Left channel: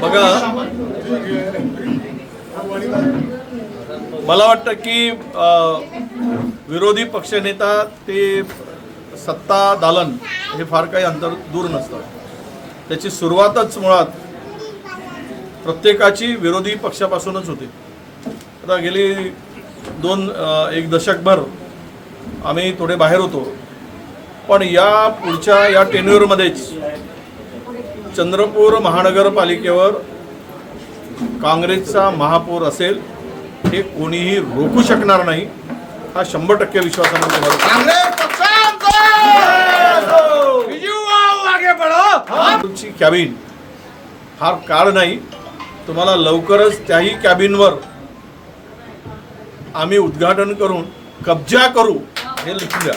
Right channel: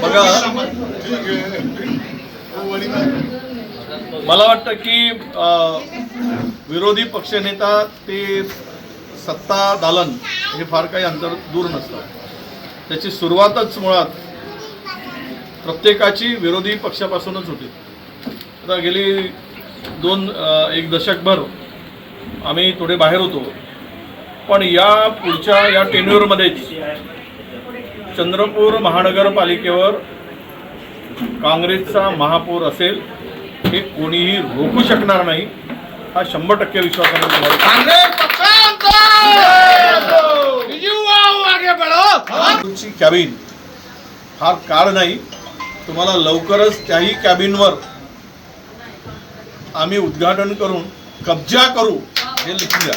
बघा, मला वाटतं की विरोधी पक्षनेता ते सत्ता दालन हे फार काही अंतर दूर नसतं. त्याची सुरुवातच मुळात प्रत्येकाची विरोधी पक्षापासूनच होते. आता गेली एक दशकभर आम्ही थोडे बाहेर होतो, पण या पुढच्या या टेन्युअरमध्येच चंद्रपूर महानगरपालिकेवर काँग्रेसचा महापौर असेल हे कोणीही रोखू शकणार नाही. हा 100% विश्वासामध्ये कॅबिन फार काळ नाही, तुम्हाला लवकरच त्याही कॅबिनवर आम्ही उद्घाटन करून कब्जा करू हे लिखून द्या.